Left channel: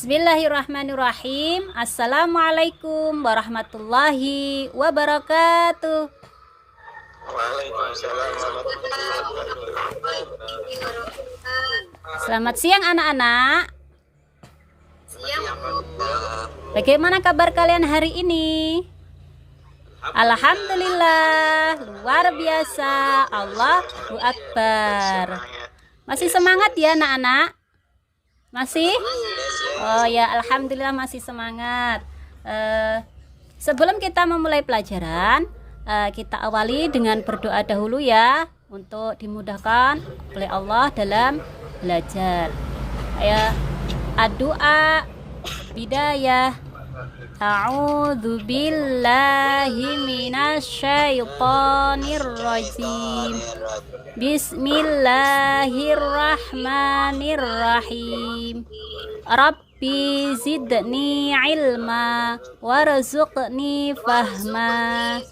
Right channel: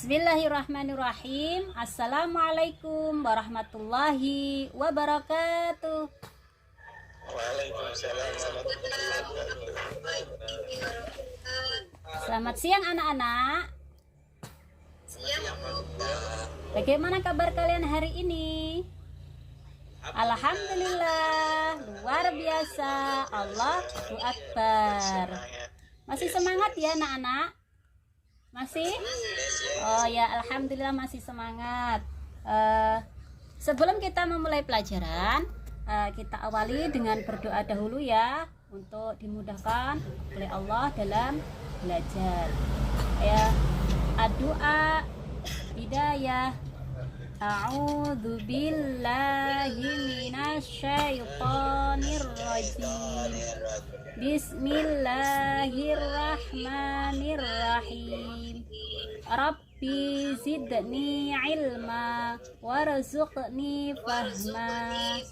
Bismillahirrahmanirrahim. Assalamualaikum warahmatullahi wabarakatuh. Waalaikumsalam warahmatullahi wabarakatuh. Selamat siang anak-anak. Siang. Bagaimana kabar kalian hari ini? Alhamdulillah, luar biasa. Allahu Akbar. Masih semangat ya anak-anak? Masih? Oh ya, alhamdulillah masih semangat. Sebelum kita memulai pelajaran, kita awali dengan berdoa dahulu ya, untuk dimudahkan oleh Allah dalam belajar. Ya, doa bidayah. A'udzu billahi minasyaitonir rajim. Bismillahirrahmanirrahim. Rabbi zidni ilma warzuqni fahma.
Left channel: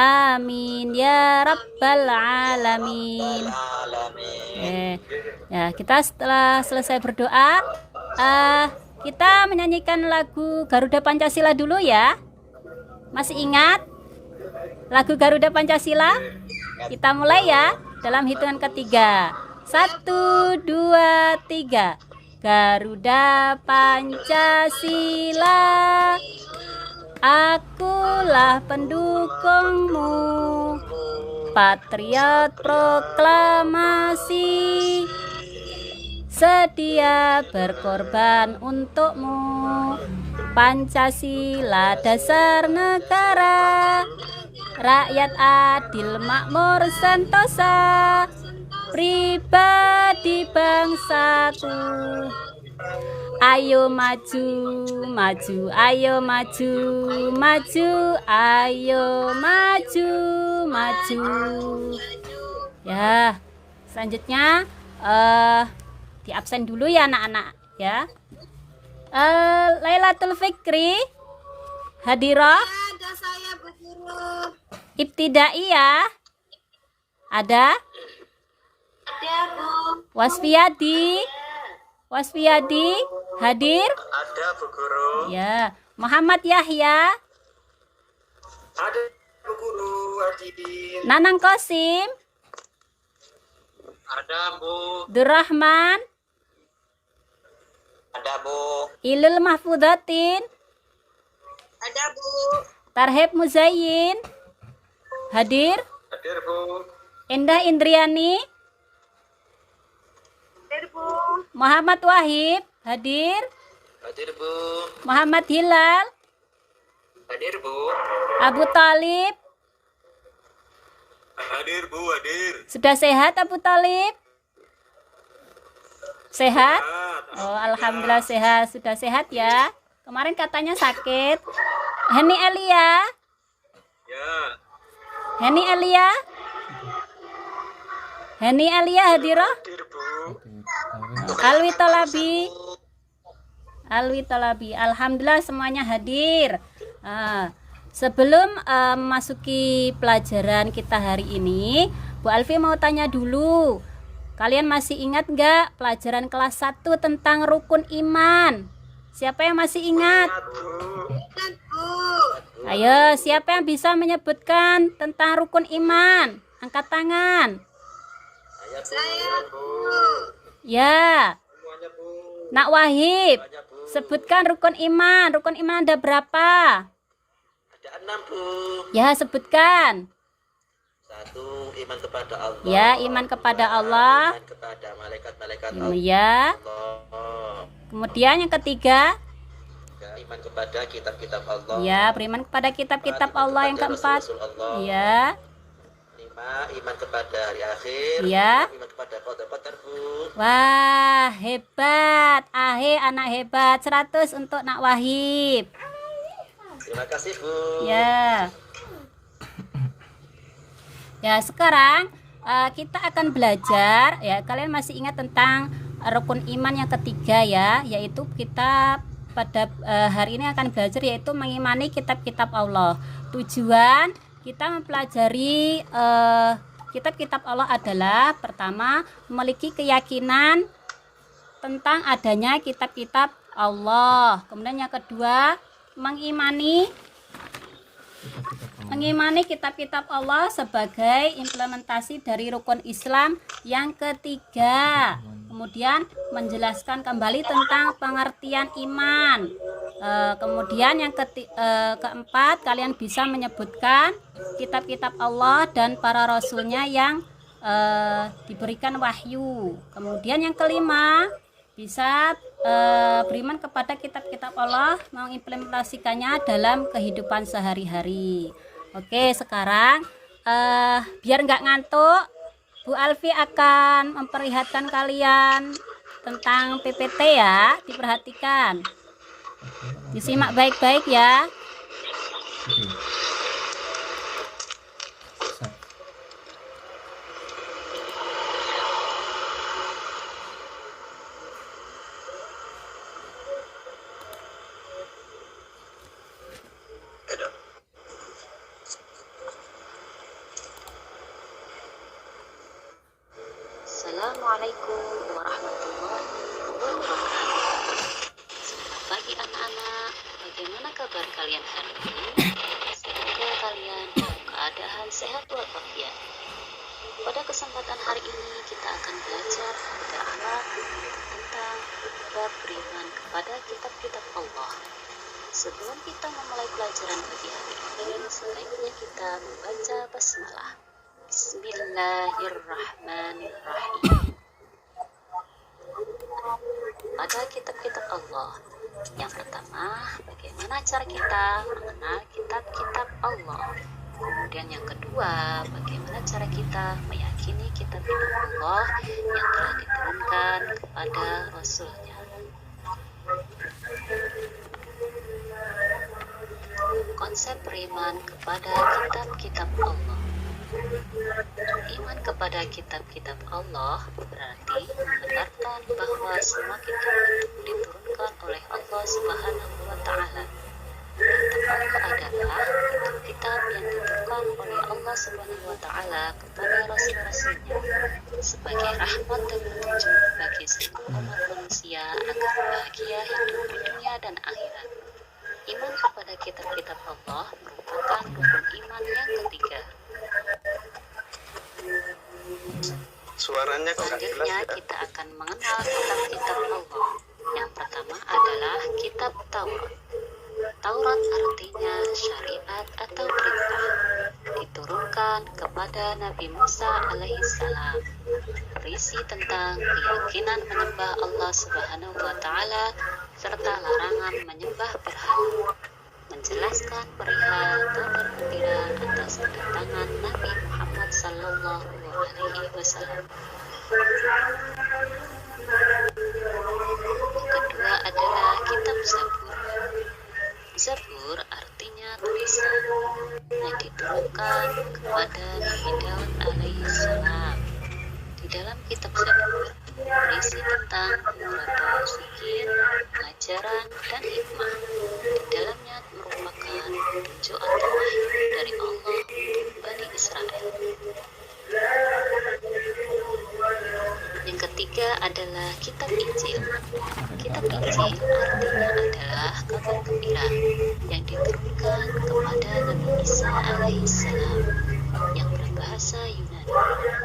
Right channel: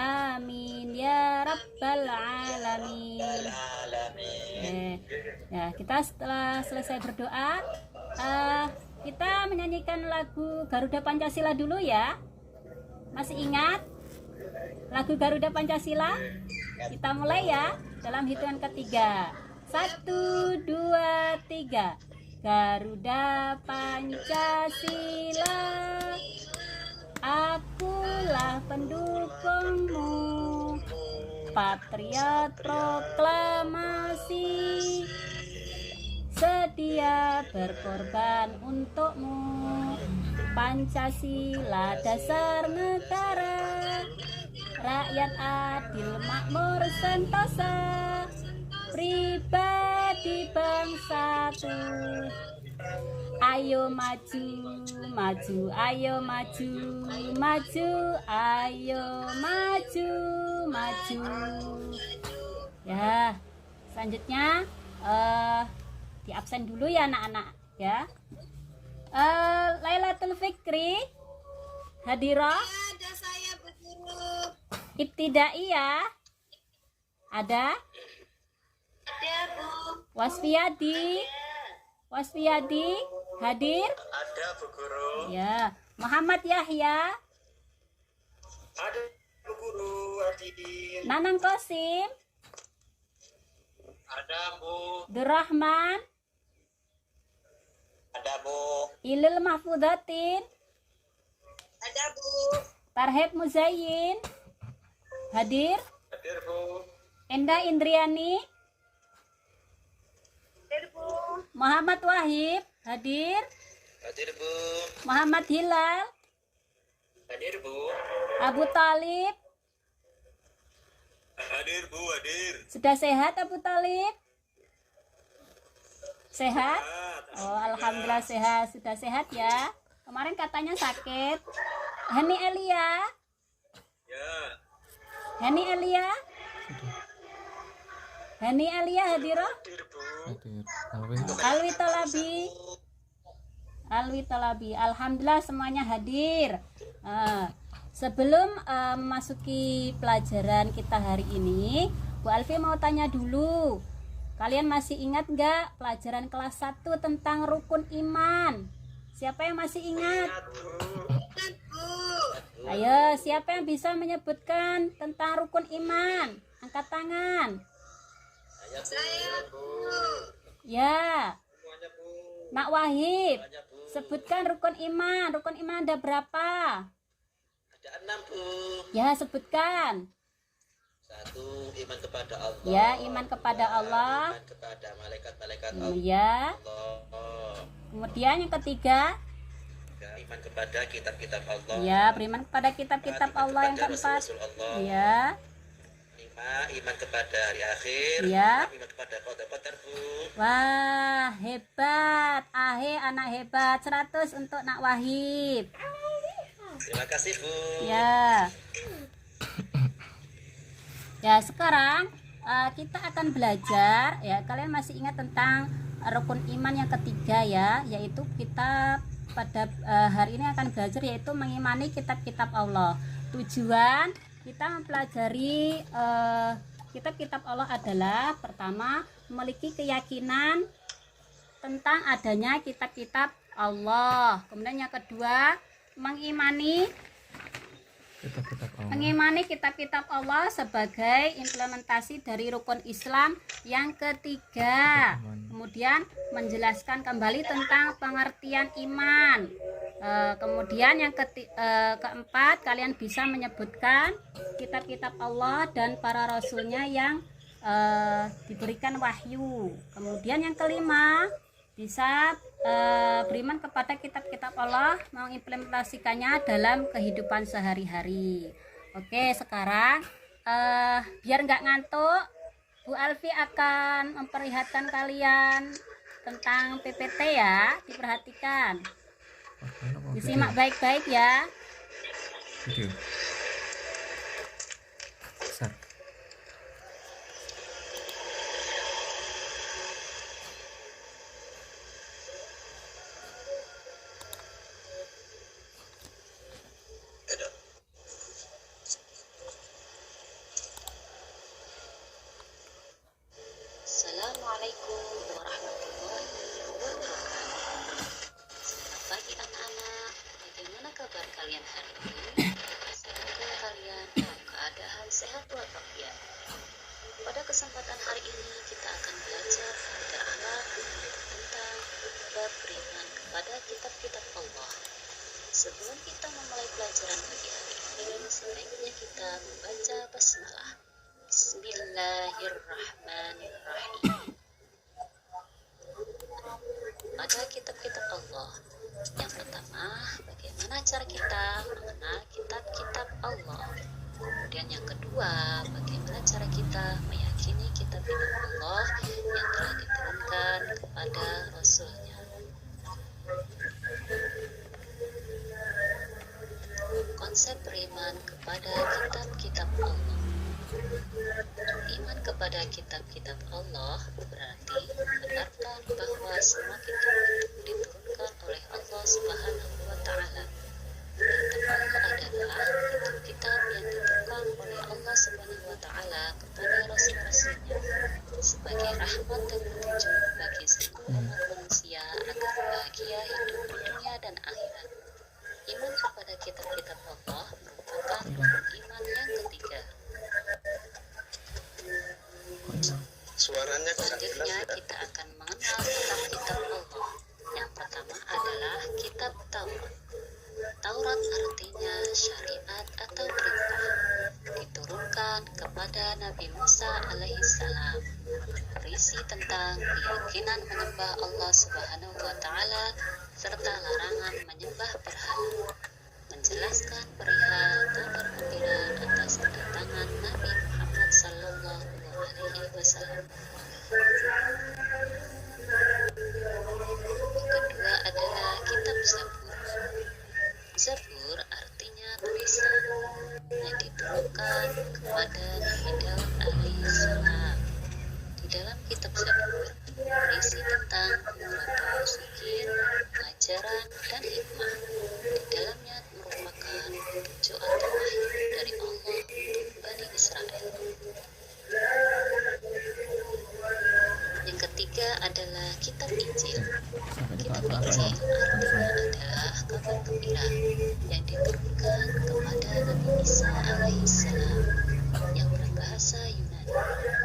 Amin ya rabbal alamin. Ya, kita setelah selesai berdoa, kita menyanyikan lagu Garuda Pancasila dulu ya. Masih ingat lagu Garuda Pancasila? Kita mulai ya, dalam hitungan ketiga. 1, 2, 3. Garuda Pancasila, akulah pendukungmu, patriot proklamasi, sedia berkorban untukmu. Pancasila dasar negara, rakyat adil makmur sentosa, pribadi bangsaku. Ayo maju, maju, ayo maju, maju, ayo maju, maju. Ya, selanjutnya di absen dulu ya anak-anak ya. Lailatul Fikri hadirah. Ada saya Bu Guru. Ibtidai ya. Ada Bu. Wasfiyadi. Wasfiyadi hadir. Ada Bu Guru. Ya. Muhammad Yahya. Ada Bu Guru. Hadir. Nanang Qasim. Ada Bu. Durrahman. Ada Bu. Ilul Mahfudatin. Ada Bu. Tarhib Muzayyin hadir. Hadir Bu. Endah Indriani. Hadir Bu. Muhammad Wahib hadir. Hadir Bu. Muhammad Hilal. Hadir Bu. Abu Talib. Hadir Bu. Hadir. Sudah sehat Abu Talib? Sehat? Oh, alhamdulillah sehat. Sudah sehat ya. Kemarin katanya sakit. Heni Elia. Ya. Heni Elia. Heni Elia hadirah. Hadir Bu. Alwi Talabi. Alwi Talabi. Alhamdulillah semuanya hadir. Sebelum memasuki pelajaran kita hari ini, Bu Alfi mau tanya dulu. Kalian masih ingat nggak pelajaran kelas 1 tentang rukun iman? Siapa yang masih ingat? Ayo, siapa yang bisa menyebutkan tentang rukun iman? Angkat tangan. Saya Bu. Ya. Nak Wahib, sebutkan rukun iman. Rukun iman ada berapa? Ada 6 Bu. Ya, sebutkan. 1. Iman kepada Allah. Ya, iman kepada Allah. Iman kepada malaikat-malaikat Allah. Ya. Kemudian yang ketiga, Iman kepada kitab-kitab Allah. ya, beriman kepada kitab-kitab Allah. Yang keempat, Rasul Allah. ya. 5. Iman kepada hari akhir. Ya. Iman kepada qadar Bu. Wah, hebat. Anak hebat. 100 untuk Nak Wahib. Terima kasih Bu. Ya. Ya, sekarang kita akan belajar ya. Kalian masih ingat tentang rukun iman yang ketiga ya, yaitu kita pada hari ini akan belajar yaitu mengimani kitab-kitab Allah. Tujuan kita mempelajari kitab-kitab Allah adalah pertama memiliki keyakinan tentang adanya kitab-kitab Allah. Kemudian yang kedua, mengimani kitab-kitab Allah sebagai implementasi dari rukun Islam yang ketiga. Kemudian menjelaskan kembali tentang pengertian iman. Kemudian yang keempat, kalian bisa menyebutkan kitab-kitab Allah dan para rasulnya yang diberikan wahyu. Kemudian yang kelima, bisa beriman kepada kitab-kitab Allah, mengimplementasikannya dalam kehidupan sehari-hari. Oke, sekarang biar nggak ngantuk, Bu Alfi akan memperlihatkan kalian tentang PPT ya, diperhatikan, disimak baik-baik ya. Assalamualaikum warahmatullahi wabarakatuh. Selamat pagi anak-anak. Bagaimana kabar kalian hari ini? Semoga kalian dalam keadaan sehat walafiat. Pada kesempatan hari ini kita akan belajar berakhlak tentang bab beriman kepada kitab-kitab Allah. Sebelum kita memulai pelajaran pagi hari ini, sebaiknya kita membaca basmalah. Bismillahirrahmanirrahim. Pada kitab-kitab Allah, yang pertama, bagaimana cara kita mengenal kitab-kitab Allah. Kemudian yang kedua, bagaimana cara kita meyakini kitab-kitab Allah yang telah diturunkan kepada Rasulnya. Konsep beriman kepada kitab-kitab Allah. Iman kepada kitab-kitab Allah berarti membenarkan bahwa semua kitab diturunkan oleh Allah Subhanahu wa Ta'ala. Yang adalah kitab yang diturunkan oleh Allah Subhanahu wa Ta'ala kepada rasul-rasulnya sebagai rahmat dan petunjuk bagi seluruh umat manusia agar bahagia hidup di dunia dan akhirat. Iman kepada kitab-kitab Allah merupakan rukun iman yang ketiga. Suaranya kok nggak jelas Selanjutnya ya? kita akan mengenal kitab-kitab Allah. Yang pertama adalah kitab Taurat. Taurat artinya syariat atau perintah. Diturunkan kepada Nabi Musa alaihissalam. Berisi tentang keyakinan menyembah Allah Subhanahu wa Ta'ala serta larangan menyembah berhala. Menjelaskan perihal kabar gembira atas kedatangan Nabi Muhammad Sallallahu Alaihi Wasallam. Yang kedua adalah kitab Zabur. Zabur artinya tulisan yang diturunkan kepada Nabi Daud alaihissalam. Di dalam kitab Zabur berisi tentang beberapa zikir, ajaran, dan hikmah. Di dalamnya merupakan petunjuk atau wahyu dari Allah untuk Bani Israel. Yang ketiga adalah kitab Injil. Kitab Injil artinya adalah kabar gembira yang diturunkan kepada Nabi Isa alaihissalam yang berbahasa Yunani.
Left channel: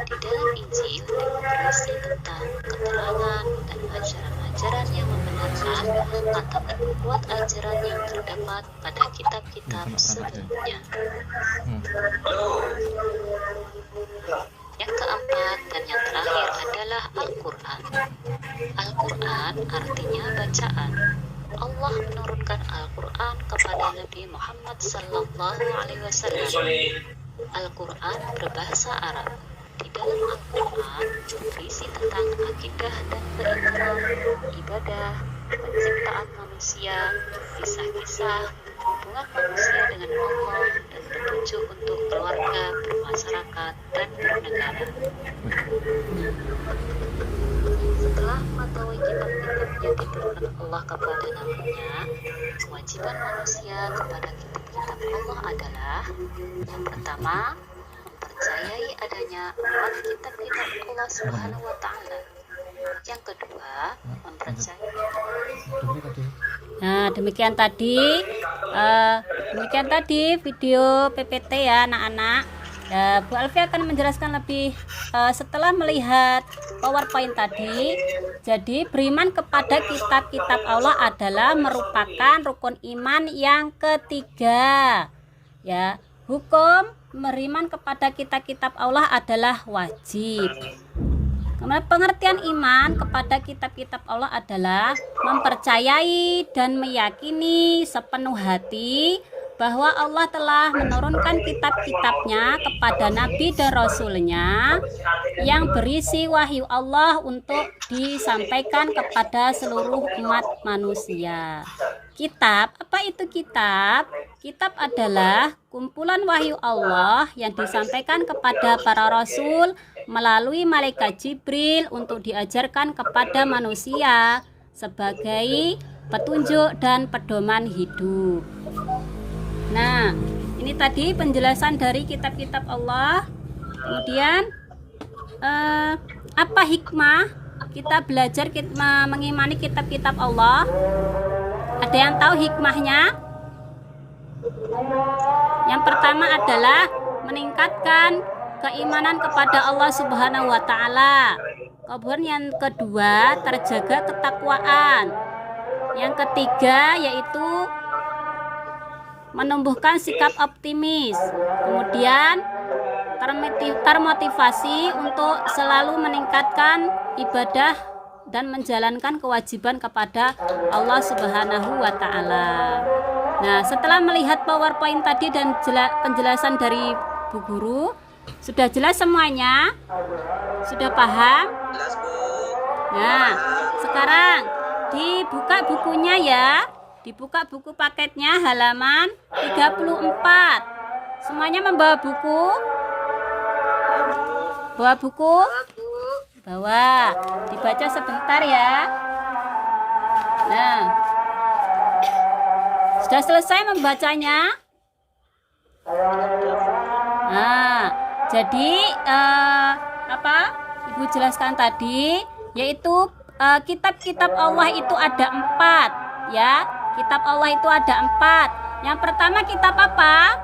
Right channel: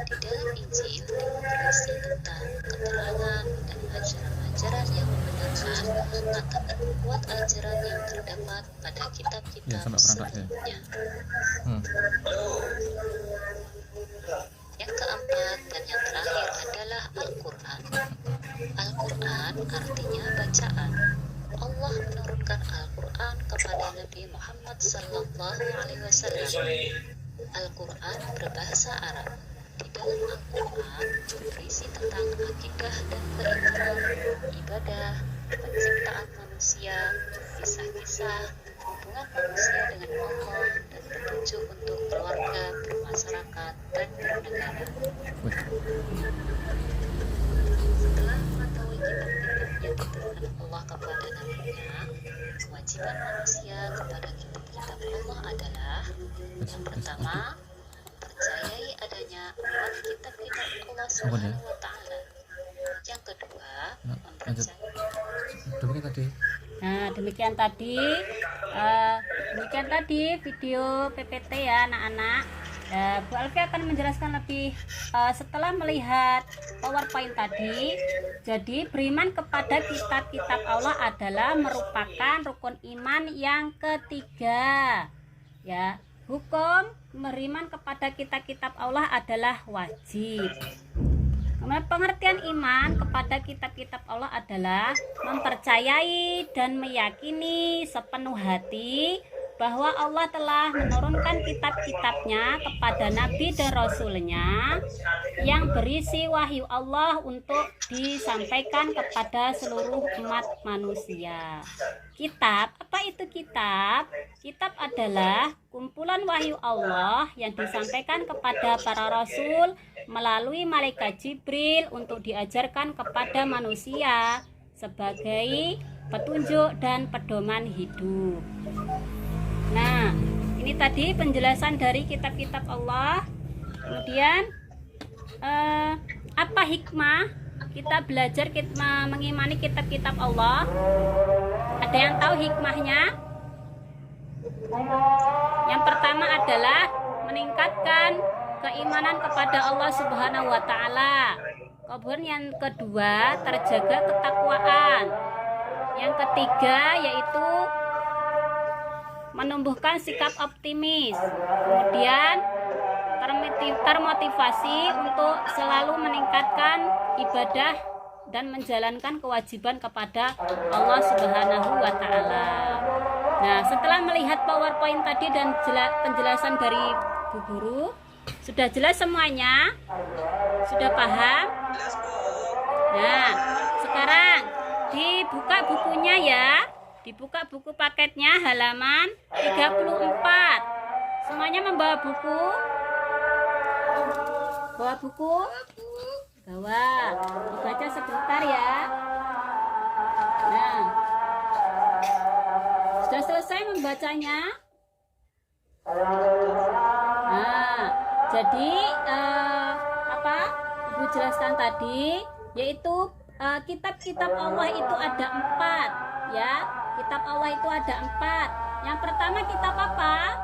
Di dalam Injil berisi tentang keterangan dan ajaran-ajaran yang membenarkan atau membuat ajaran yang terdapat pada kitab-kitab sebelumnya. Yang keempat dan yang terakhir adalah Al-Quran. Al-Quran artinya bacaan. Allah menurunkan Al-Quran kepada Nabi Muhammad Sallallahu Alaihi Wasallam. Al-Quran berbahasa Arab. Di dalam Al-Quran berisi tentang akidah dan keimanan, ibadah, penciptaan manusia, kisah-kisah, hubungan manusia dengan Allah, dan petunjuk untuk keluarga, bermasyarakat, dan bernegara. Setelah mengetahui kitab-kitab yang diturunkan Allah kepada nabinya, kewajiban manusia kepada kitab-kitab Allah adalah yang pertama, mempercayai adanya 4 kitab-kitab Allah Subhanahu wa Ta'ala. Yang kedua, mempercayai Nah, demikian tadi video PPT ya anak-anak. Bu Alfi akan menjelaskan lebih setelah melihat PowerPoint tadi. Jadi beriman kepada kitab-kitab Allah adalah merupakan rukun iman yang ketiga. Ya, hukum beriman kepada kitab-kitab Allah adalah wajib. Kemudian pengertian iman kepada kitab-kitab Allah adalah mempercayai dan meyakini sepenuh hati bahwa Allah telah menurunkan kitab-kitabnya kepada Nabi dan Rasulnya yang berisi wahyu Allah untuk disampaikan kepada seluruh umat manusia. Kitab, apa itu kitab? Kitab adalah kumpulan wahyu Allah yang disampaikan kepada para rasul melalui malaikat Jibril untuk diajarkan kepada manusia sebagai petunjuk dan pedoman hidup. Nah, ini tadi penjelasan dari kitab-kitab Allah. Kemudian apa hikmah kita belajar mengimani kitab-kitab Allah? Ada yang tahu hikmahnya? Yang pertama adalah meningkatkan keimanan kepada Allah Subhanahu wa taala. Kemudian yang kedua, terjaga ketakwaan. Yang ketiga yaitu menumbuhkan sikap optimis. Kemudian termotivasi untuk selalu meningkatkan ibadah dan menjalankan kewajiban kepada Allah Subhanahu wa taala. Nah, setelah melihat PowerPoint tadi dan penjelasan dari Bu Guru, sudah jelas semuanya? Sudah paham? Nah, sekarang dibuka bukunya ya. Dibuka buku paketnya halaman 34. Semuanya membawa buku? Bawa buku? Bawa. Dibaca sebentar ya. Nah, sudah selesai membacanya? Nah, jadi apa Ibu jelaskan tadi, yaitu kitab-kitab Allah itu ada 4 ya. Kitab Allah itu ada 4. Yang pertama kitab apa?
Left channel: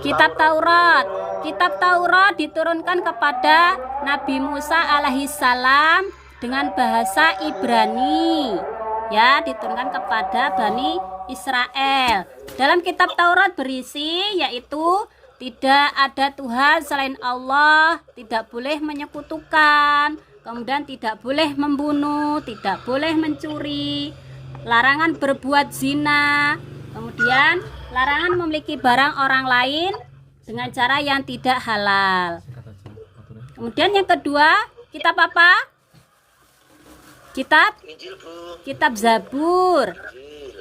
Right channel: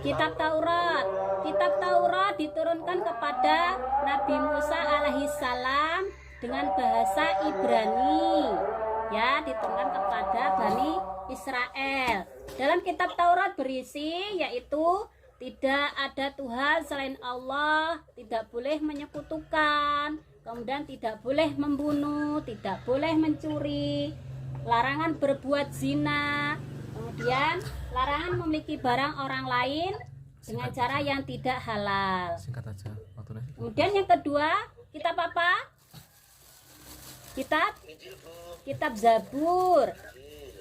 Kitab Taurat. Kitab Taurat diturunkan kepada Nabi Musa alaihissalam dengan bahasa Ibrani. Ya, diturunkan kepada Bani Israel. Dalam kitab Taurat berisi yaitu tidak ada Tuhan selain Allah, tidak boleh menyekutukan, kemudian tidak boleh membunuh, tidak boleh mencuri, larangan berbuat zina, kemudian larangan memiliki barang orang lain dengan cara yang tidak halal. Kemudian yang kedua, kitab apa? Kitab Zabur.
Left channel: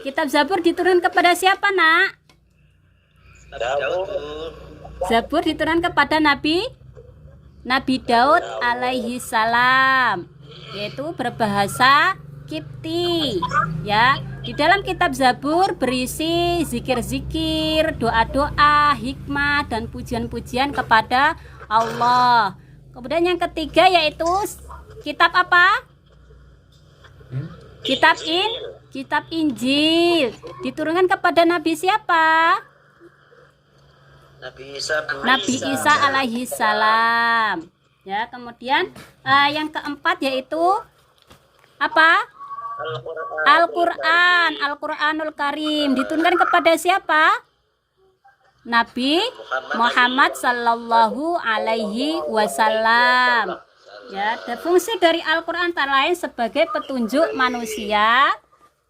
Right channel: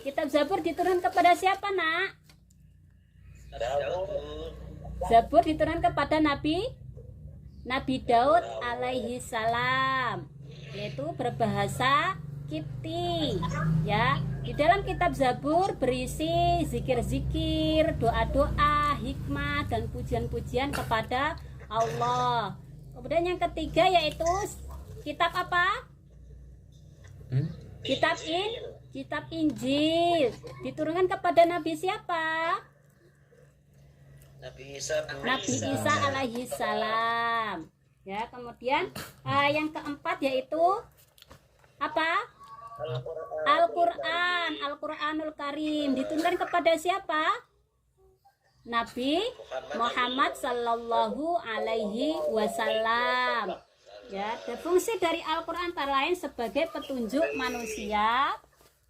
Kitab Zabur diturunkan kepada siapa, Nak? Zabur diturunkan kepada Nabi Daud alaihi salam, yaitu berbahasa Kipti ya. Di dalam kitab Zabur berisi zikir-zikir, doa-doa, hikmah dan pujian-pujian kepada Allah. Kemudian yang ketiga yaitu kitab apa? Kitab Injil. Diturunkan kepada Nabi siapa? Nabi Isa alaihi salam. Ya, kemudian yang keempat yaitu apa? Al-Qur'anul Karim. Diturunkan kepada siapa? Nabi Muhammad sallallahu alaihi wasallam. Ya, fungsi dari Al-Qur'an antara lain sebagai petunjuk manusia,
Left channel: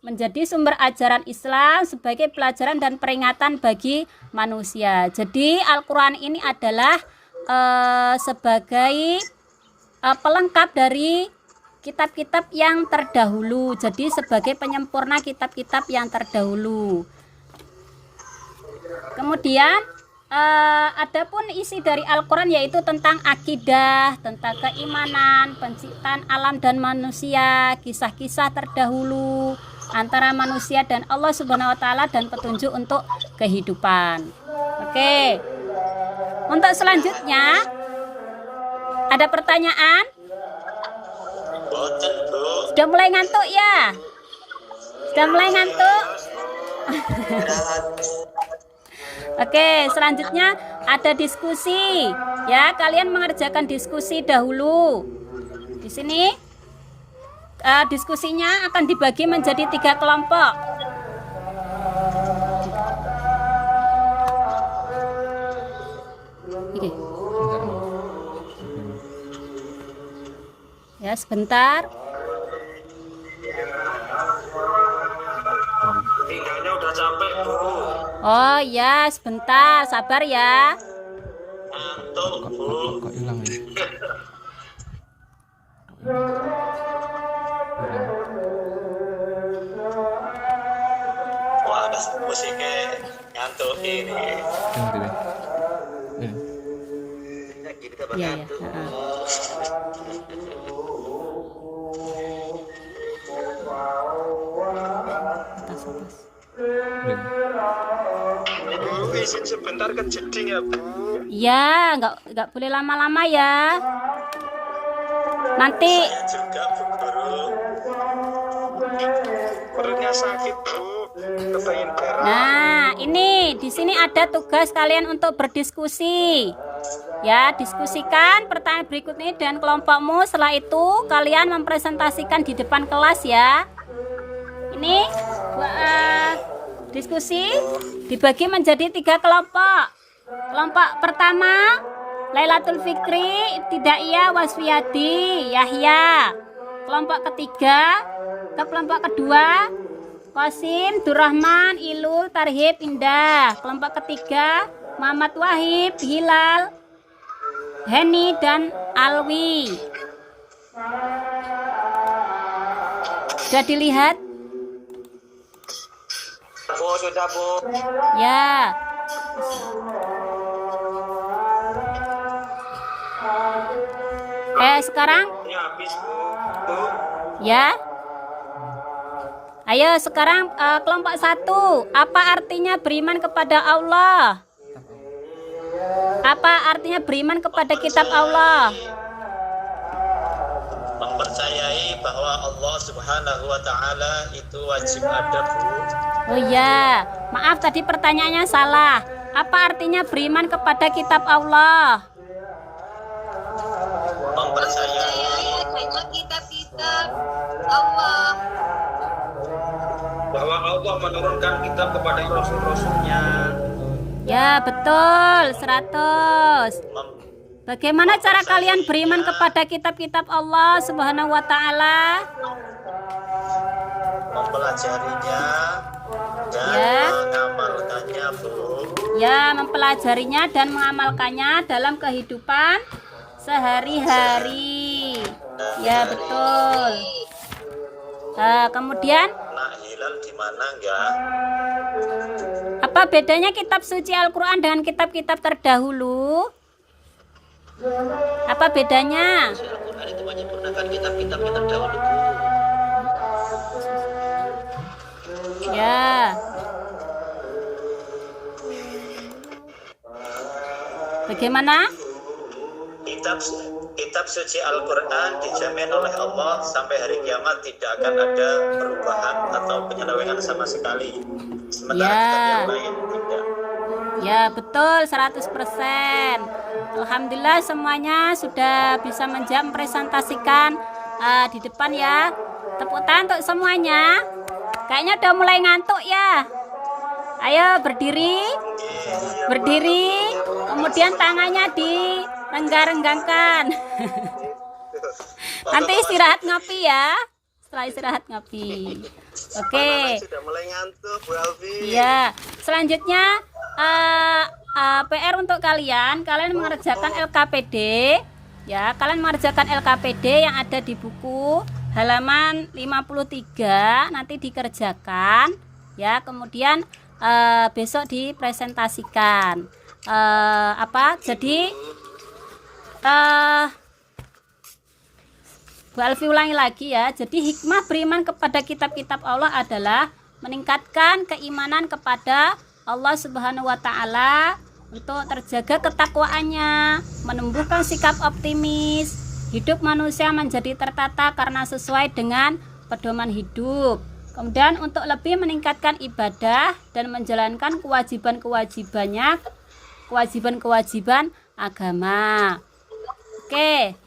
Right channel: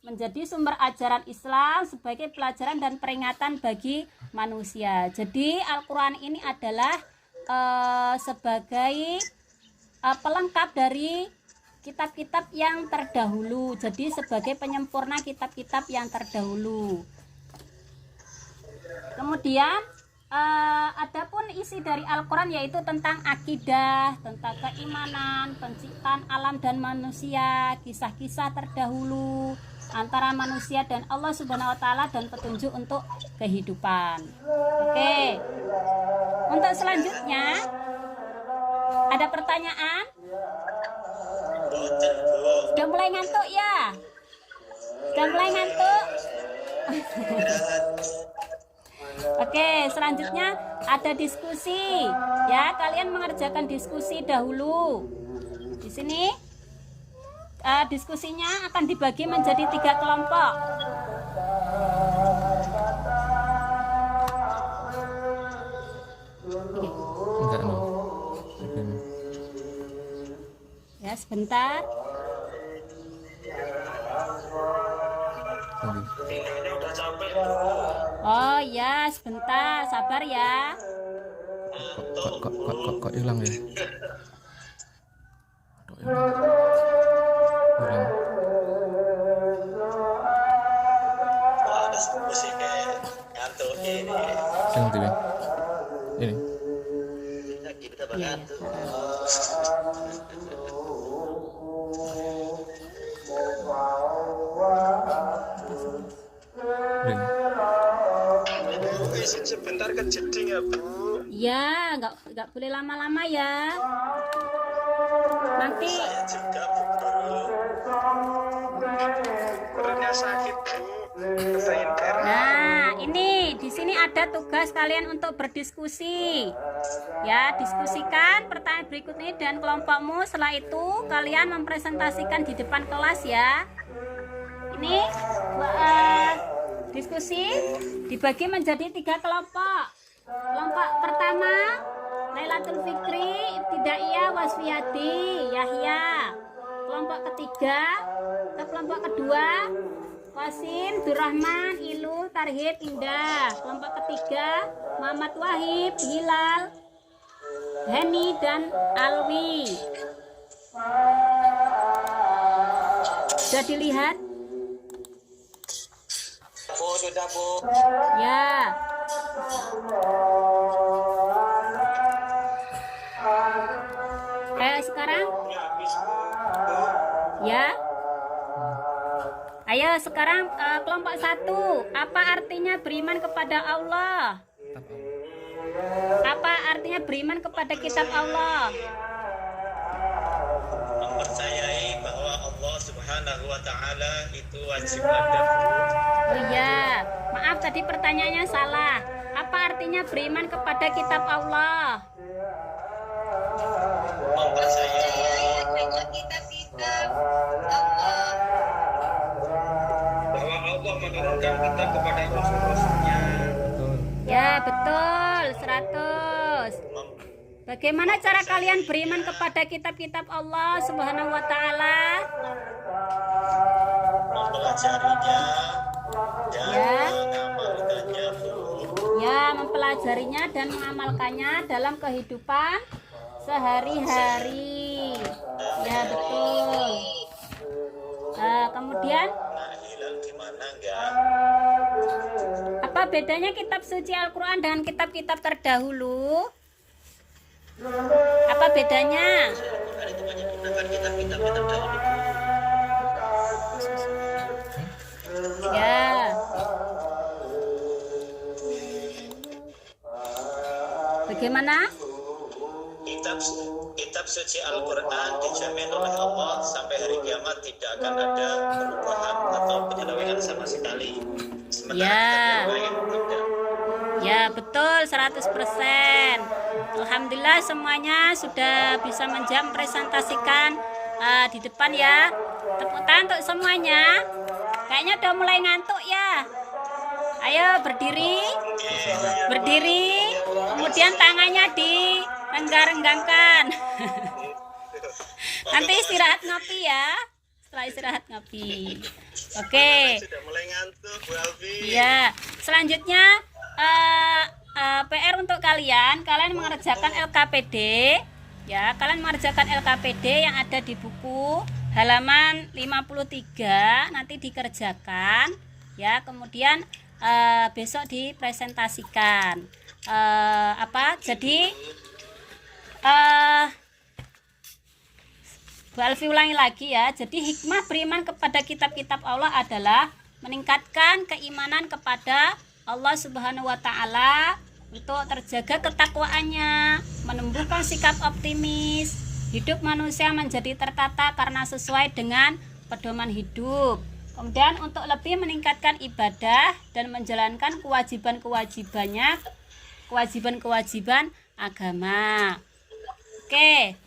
menjadi sumber ajaran Islam, sebagai pelajaran dan peringatan bagi manusia. Jadi Al-Qur'an ini adalah sebagai pelengkap dari kitab-kitab yang terdahulu. Jadi sebagai penyempurna kitab-kitab yang terdahulu. Kemudian adapun isi dari Al-Qur'an yaitu tentang akidah, tentang keimanan, penciptaan alam dan manusia, kisah-kisah terdahulu antara manusia dan Allah Subhanahu wa taala dan petunjuk untuk kehidupan. Oke. Untuk selanjutnya ada pertanyaan? Sudah mulai ngantuk ya? Sudah mulai ngantuk? Oke, selanjutnya ada diskusi. Ya, kalian mengerjakan diskusi dahulu. Di sini diskusinya akan dibagi menjadi 3 kelompok. Oke. Ya, sebentar. Tinggalnya udah capek, Bu. Oh ya, sebentar, sabar ya. Ngantuk, Bu. Kok hilang ya? Wah, ada musiknya ngantuk ini. Yang gitu ya? Ini. Ya, gini tambah Iya, ya. ngantuk. Ini. Bu, izin sebentar ke jeding ya, Bu. Ya, nggak boleh lama-lama ya. Nanti Juga, Bu Guru. Perutnya sakit, Bu. Kepengen berak. nah, ini di sini ada tugas kalian untuk berdiskusi. Ya, diskusikan pertanyaan berikut ini dengan kelompokmu. Setelah itu kalian mempresentasikan di depan kelas ya. Ini diskusi dibagi menjadi 3 kelompok. Kelompok pertama Lailatul Fikri, Ibtidaiyah, Wasfiyadi, Yahya. Kelompok ketiga kelompok kedua Qasim, Durrahman, Ilul, Tarhib, Indah. Kelompok ketiga Muhammad Wahib, Hilal, Heni, dan Alwi. Sudah dilihat? Bu, sudah, Bu. Ya. Sekarang Ini habis, Bu. ya. Ayo sekarang kelompok 1. Apa artinya beriman kepada Allah? Apa artinya beriman kepada kitab Allah? Mempercayai bahwa Allah Subhanahu wa Ta'ala itu wajib ada, Bu. Oh ya, maaf tadi pertanyaannya salah. Apa artinya beriman kepada kitab Allah? Mempercayai dengan kitab-kitab Allah. bahwa Allah menurunkan kitab kepada rasul-rasulnya. Ya, betul, 100. Bagaimana cara kalian beriman kepada kitab-kitab Allah Subhanahu wa Ta'ala? Mempelajarinya dan Ya. mengamalkannya, Bu. Ya, mempelajarinya dan mengamalkannya dalam kehidupan sehari-hari. Ya, betul. Kemudian, Nak hilal di mana enggak? apa bedanya kitab suci Al-Quran dengan kitab-kitab terdahulu? Apa bedanya? Al-Quran itu menyempurnakan kitab-kitab kita dahulu. Ya. Bagaimana? Kitab suci Al-Quran dijamin oleh Allah sampai hari kiamat tidak akan ada perubahan atau penyelewengan sama sekali. Sementara Ya. kitab yang lain tidak. Ya, betul, 100%. Alhamdulillah semuanya sudah bisa menjawab, presentasikan di depan ya. Tepuk tangan untuk semuanya. Kayaknya udah mulai ngantuk ya. Ayo berdiri. Berdiri. Kemudian tangannya direnggang-renggangkan. Nanti istirahat ngopi ya. Setelah istirahat ngopi. Oke. Sudah mulai ngantuk, Bu Alfi. Ya, selanjutnya PR untuk kalian mengerjakan LKPD. Ya, kalian mengerjakan LKPD yang ada di buku halaman 53 nanti dikerjakan. Ya, kemudian besok dipresentasikan. Jadi Bu Alfi ulangi lagi ya. Jadi hikmah beriman kepada kitab-kitab Allah adalah meningkatkan keimanan kepada Allah Subhanahu wa Ta'ala, untuk terjaga ketakwaannya, menumbuhkan sikap optimis, hidup manusia menjadi tertata karena sesuai dengan pedoman hidup. Kemudian untuk lebih meningkatkan ibadah dan menjalankan kewajiban-kewajiban agama. Oke,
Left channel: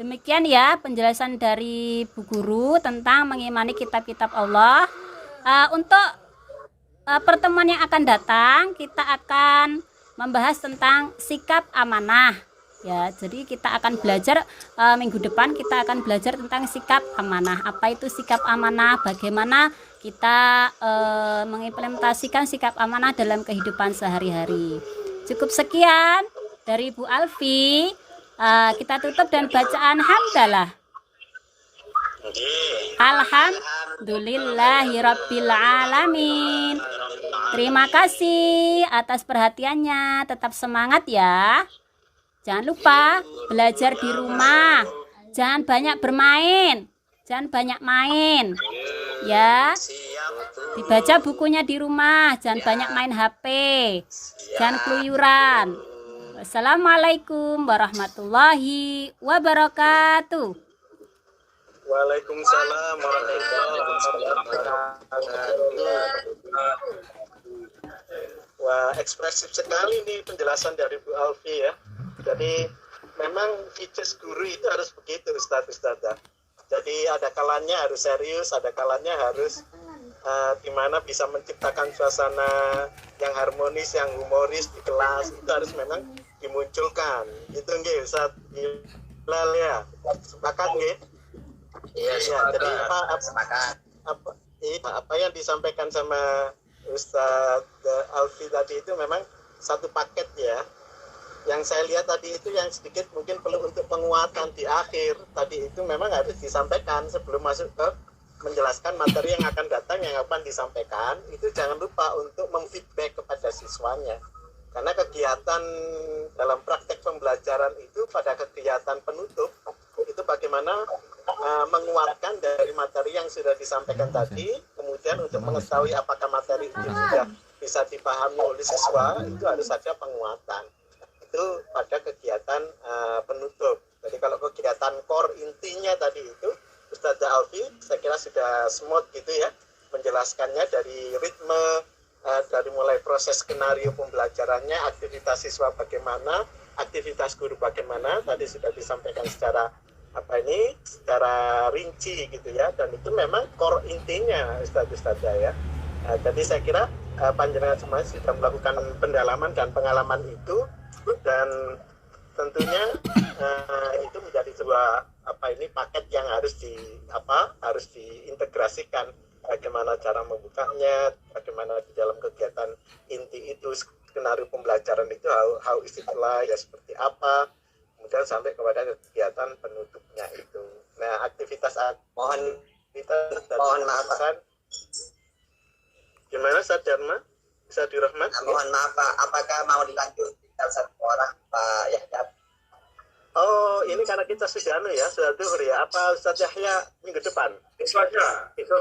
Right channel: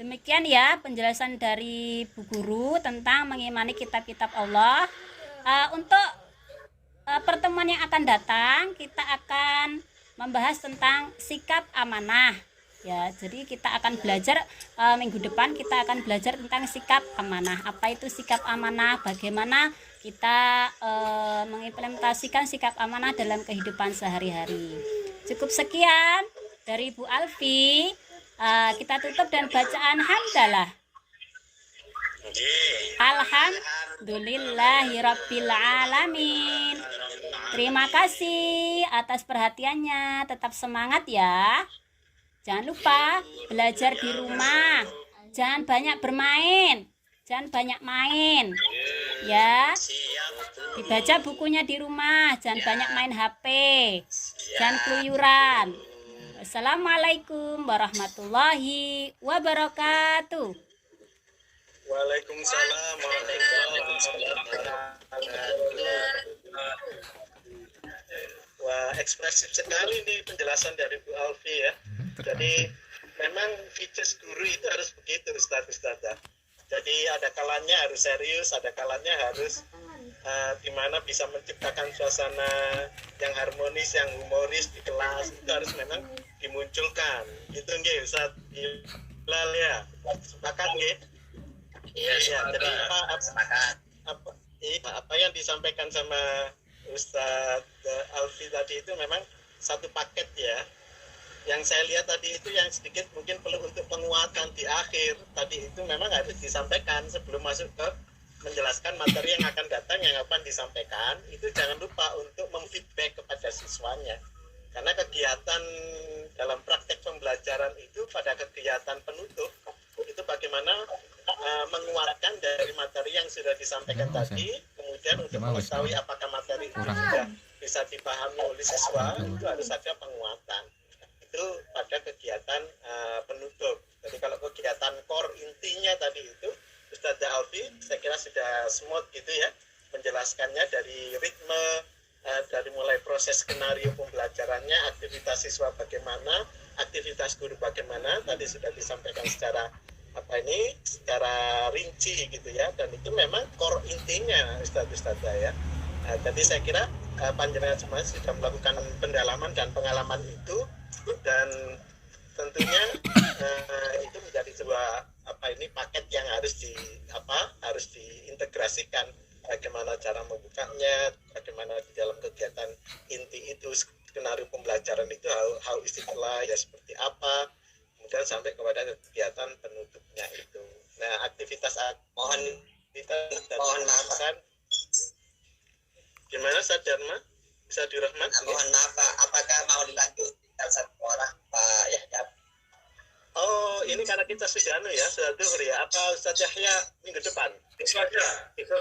demikian ya penjelasan dari Bu Guru tentang mengimani kitab-kitab Allah. Untuk pertemuan yang akan datang kita akan membahas tentang sikap amanah. Ya, jadi kita akan belajar minggu depan kita akan belajar tentang sikap amanah. Apa itu sikap amanah? Bagaimana kita mengimplementasikan sikap amanah dalam kehidupan sehari-hari. Cukup sekian dari Bu Alfi. Kita tutup dan bacaan hamdalah. Alhamdulillahirabbil alamin. Terima kasih atas perhatiannya. Tetap semangat ya. Jangan lupa belajar di rumah. Jangan banyak bermain. Jangan banyak main. Ya. Dibaca bukunya di rumah. Jangan banyak main HP. Jangan keluyuran. Wassalamualaikum warahmatullahi wabarakatuh. Waalaikumsalam warahmatullahi wabarakatuh. Wah, ekspresif sekali nih penjelasan dari Bu Alfi ya. Jadi memang features guru itu harus begitu Ustadz. Jadi ada kalanya harus serius, ada kalanya harus dimana bisa menciptakan suasana yang harmonis, yang humoris di kelas. Itu harus memang dimunculkan. Gitu nggih Ustadz Hilal ya. Sepakat nggih? Iya, jadi apa yang disampaikan sama Ustadz Alfi tadi itu memang satu paket ya. Yang saya lihat tadi itu yang sedikit mungkin perlu untuk penguatan di akhir tadi itu memang harus disampaikan sebelum masuk ke menjelaskan materi yang akan datang yang akan disampaikan. Itu jangan lupa untuk memfeedback kepada siswanya, karena kegiatan dalam praktek pembelajaran itu pada kegiatan penutup itu bagaimana menguatkan dari materi yang sudah disampaikan tadi, kemudian untuk mengetahui apakah materi itu sudah bisa dipahami oleh siswa itu harus ada penguatan. Itu pada kegiatan penutup. Jadi kalau kegiatan core intinya tadi itu Ustazah Alfi saya kira sudah smooth gitu ya menjelaskannya, dari ritme, dari mulai proses skenario pembelajarannya, aktivitas siswa bagaimana, aktivitas guru bagaimana, tadi sudah disampaikan secara secara rinci gitu ya, dan itu memang core intinya Ustazah ya. Jadi saya kira panjenengan semua sudah melakukan pendalaman dan pengalaman itu, dan tentunya itu menjadi sebuah paket yang harus diintegrasikan, bagaimana cara membukanya, bagaimana di dalam kegiatan inti itu skenario pembelajaran itu how istiqlal ya seperti apa, kemudian sampai kepada kegiatan penutupnya itu. Nah, aktivitas mohon maaf kan gimana Ustaz Dharma? Bisa dirahmat? Mohon maaf Pak, apakah mau dilanjut tinggal satu orang Pak Yahya? Oh, ini karena kita sudah sudah duhur ya. Apa Ustaz Yahya minggu depan? Besok aja, besok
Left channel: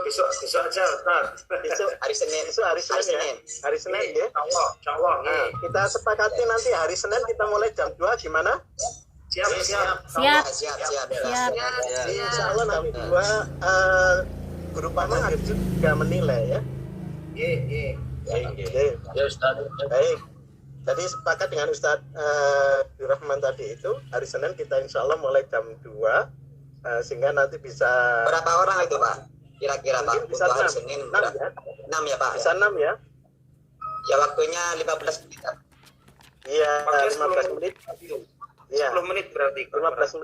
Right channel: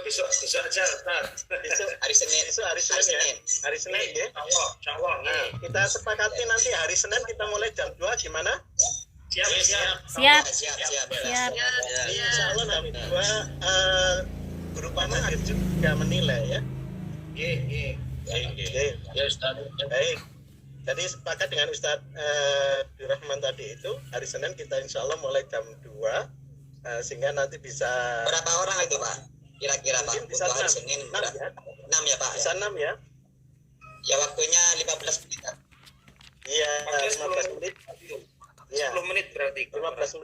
aja Ustaz. Besok hari Senin. Besok hari Senin ya. Hari Senin ya. Insyaallah. Nah, kita sepakati nanti hari Senin kita mulai jam 2 gimana? Siap. Insyaallah nanti 2 guru panel juga menilai ya. Nggih. Ya Ustaz. Baik. Tadi sepakat dengan Ustadz Dirahman tadi itu hari Senin kita insya Allah mulai jam 2 sehingga nanti bisa Berapa orang itu Pak? Kira-kira Pak? Bisa Untuk hari 6 Senin 6 ya. 6 ya Pak? Bisa 6 ya. Ya waktunya 15 menit. Iya, 15 menit. Iya. 10 menit berarti. 15 menit.